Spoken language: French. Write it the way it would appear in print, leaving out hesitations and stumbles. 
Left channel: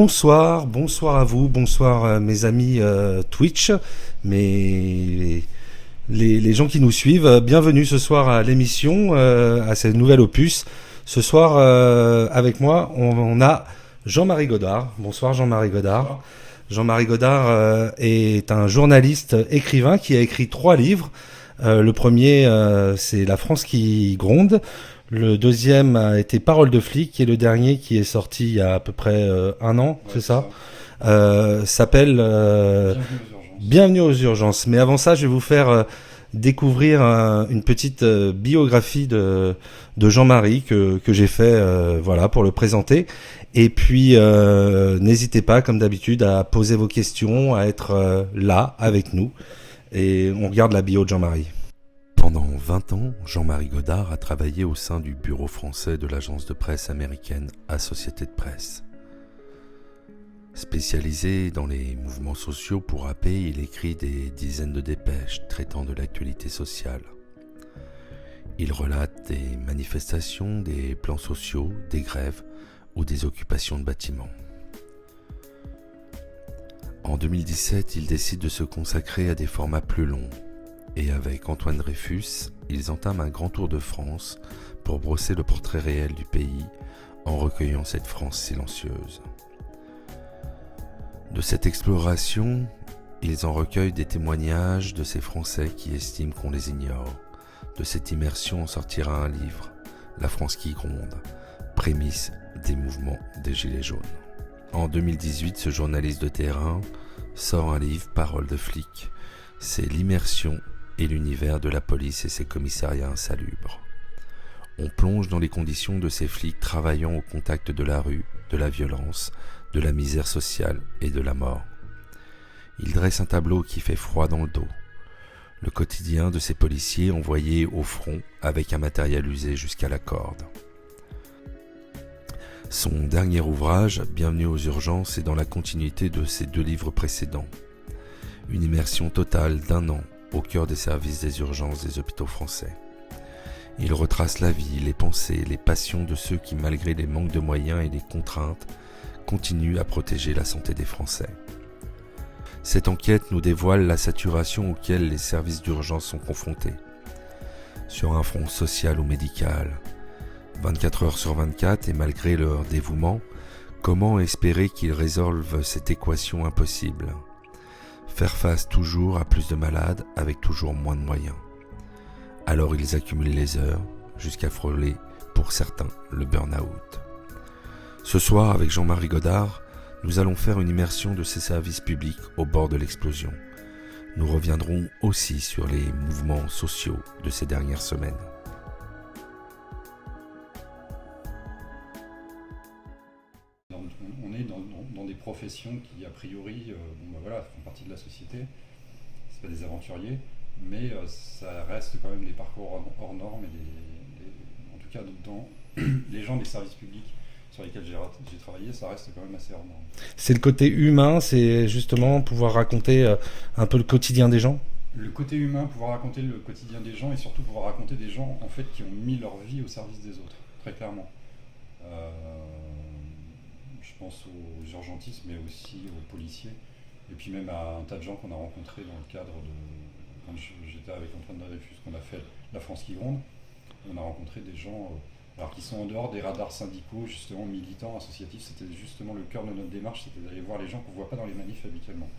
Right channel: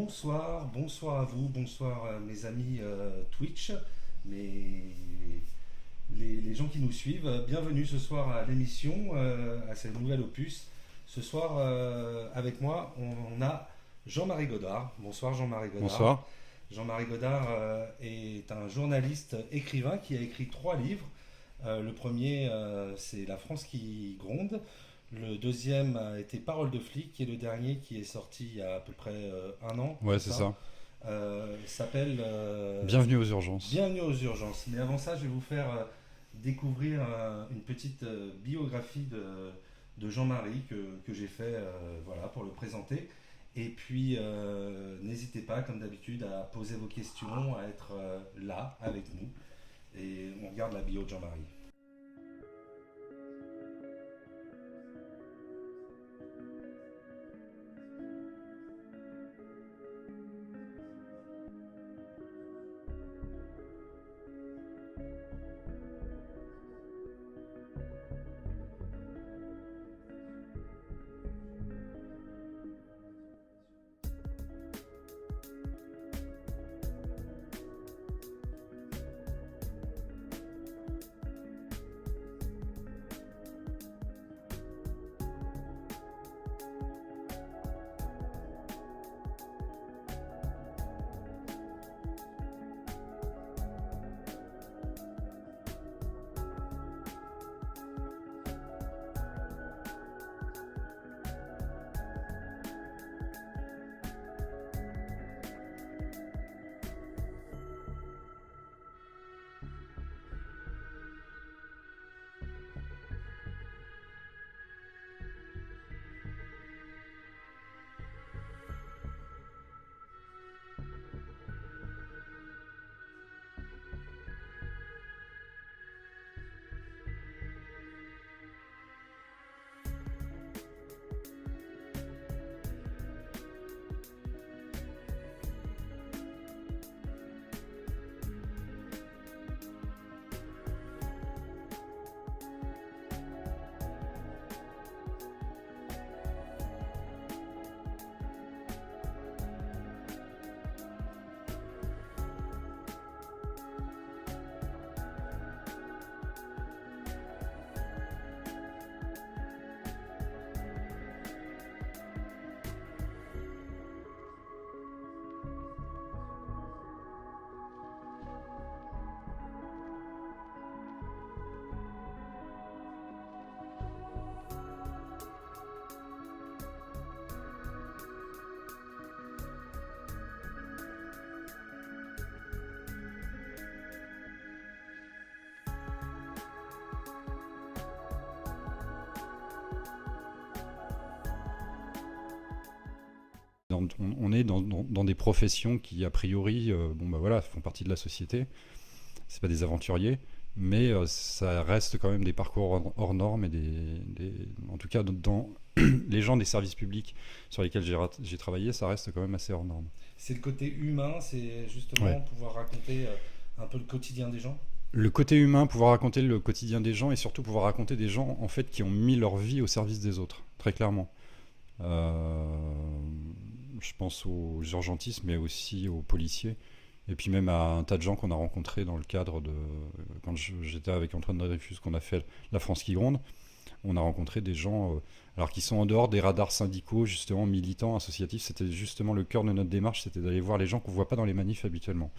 Bonsoir à vous, bonsoir mes amis Twitch, les gens qui nous suivent. Bienvenue ce soir à l'émission, à ce nouvel opus. Ce soir, avec moi, on a Jean-Marie Godard. Bonsoir Jean-Marie Godard. Bonsoir. Jean-Marie Godard est un journaliste écrivain qui a écrit 3 livres. Le premier, c'est La France qui gronde. Le deuxième a été Parole de flic et le dernier qui est sorti il y a à peu près 1 an, Ouais, c'est ça. S'appelle Bienvenue aux urgences. Bienvenue aux urgences. Mais avant ça, je vais vous faire découvrir une petite biographie de Jean-Marie que j'ai fait voilà, pour le présenter. Et puis, n'hésitez pas, comme d'habitude, à poser vos questions, à être là avec nous. Et on regarde la bio de Jean-Marie. Pendant 20 ans, Jean-Marie Godard a travaillé au sein du bureau français de l'agence de presse américaine Associated Press. Spécialisé dans les mouvements sociaux pour AP, il écrit des dizaines de dépêches traitant de l'actualité sociale. Il relate des manifestations, des plans sociaux, des grèves ou des occupations de bâtiments. En 2017, il décide de se consacrer à des formats plus longs. Et avec Antoine Dreyfus, ils entament un grand tour de France pour brosser le portrait réel du pays en recueillant cette France silencieuse. De cette exploration, ils en recueillent des témoignages de ces Français qui estiment qu'on les ignore. De cette immersion en sortira un livre, La France qui gronde, prémisse des mouvements des Gilets jaunes. En 2018, ce journaliste de terrain sort un livre, Parole de flic. C'est l'immersion et l'univers de la police et ses commissariats insalubres. On plonge dans les conditions de ces flics travaillant au contact de la rue, de la violence, de la misère sociale et de la mort. Il dresse un tableau qui fait froid dans le dos. Le quotidien de ces policiers envoyés au front avec un matériel usé jusqu'à la corde. Son dernier ouvrage, Bienvenue aux urgences, est dans la continuité de ses 2 livres précédents. Une immersion totale d'1 an au cœur des services des urgences des hôpitaux français. Il retrace la vie, les pensées, les passions de ceux qui, malgré les manques de moyens et les contraintes, continuent à protéger la santé des Français. Cette enquête nous dévoile la saturation auquel les services d'urgence sont confrontés. Sur un front social ou médical, 24 heures sur 24 et malgré leur dévouement, comment espérer qu'ils résolvent cette équation impossible ? Faire face toujours à plus de malades avec toujours moins de moyens. Alors ils accumulent les heures jusqu'à frôler, pour certains, le burn-out. Ce soir, avec Jean-Marie Godard, nous allons faire une immersion de ces services publics au bord de l'explosion. Nous reviendrons aussi sur les mouvements sociaux de ces dernières semaines. On est dans des professions qui, a priori, font partie de la société. C'est pas des aventuriers, mais ça reste quand même des parcours hors normes et en tout cas, dans les gens des services publics sur lesquels j'ai travaillé, ça reste quand même assez hors norme. C'est le côté humain, c'est justement pouvoir raconter un peu le quotidien des gens. Le côté humain, pouvoir raconter le quotidien des gens et surtout pouvoir raconter des gens en fait qui ont mis leur vie au service des autres, très clairement. Je pense aux urgentistes, mais aussi aux policiers, et puis même à un tas de gens qu'on a rencontrés dans le cadre de... Quand j'étais avec Antoine Dreyfus, qu'on a fait La France qui gronde, on a rencontré des gens alors qui sont en dehors des radars syndicaux, justement militants, associatifs. C'était justement le cœur de notre démarche, c'était d'aller voir les gens qu'on ne voit pas dans les manifs habituellement.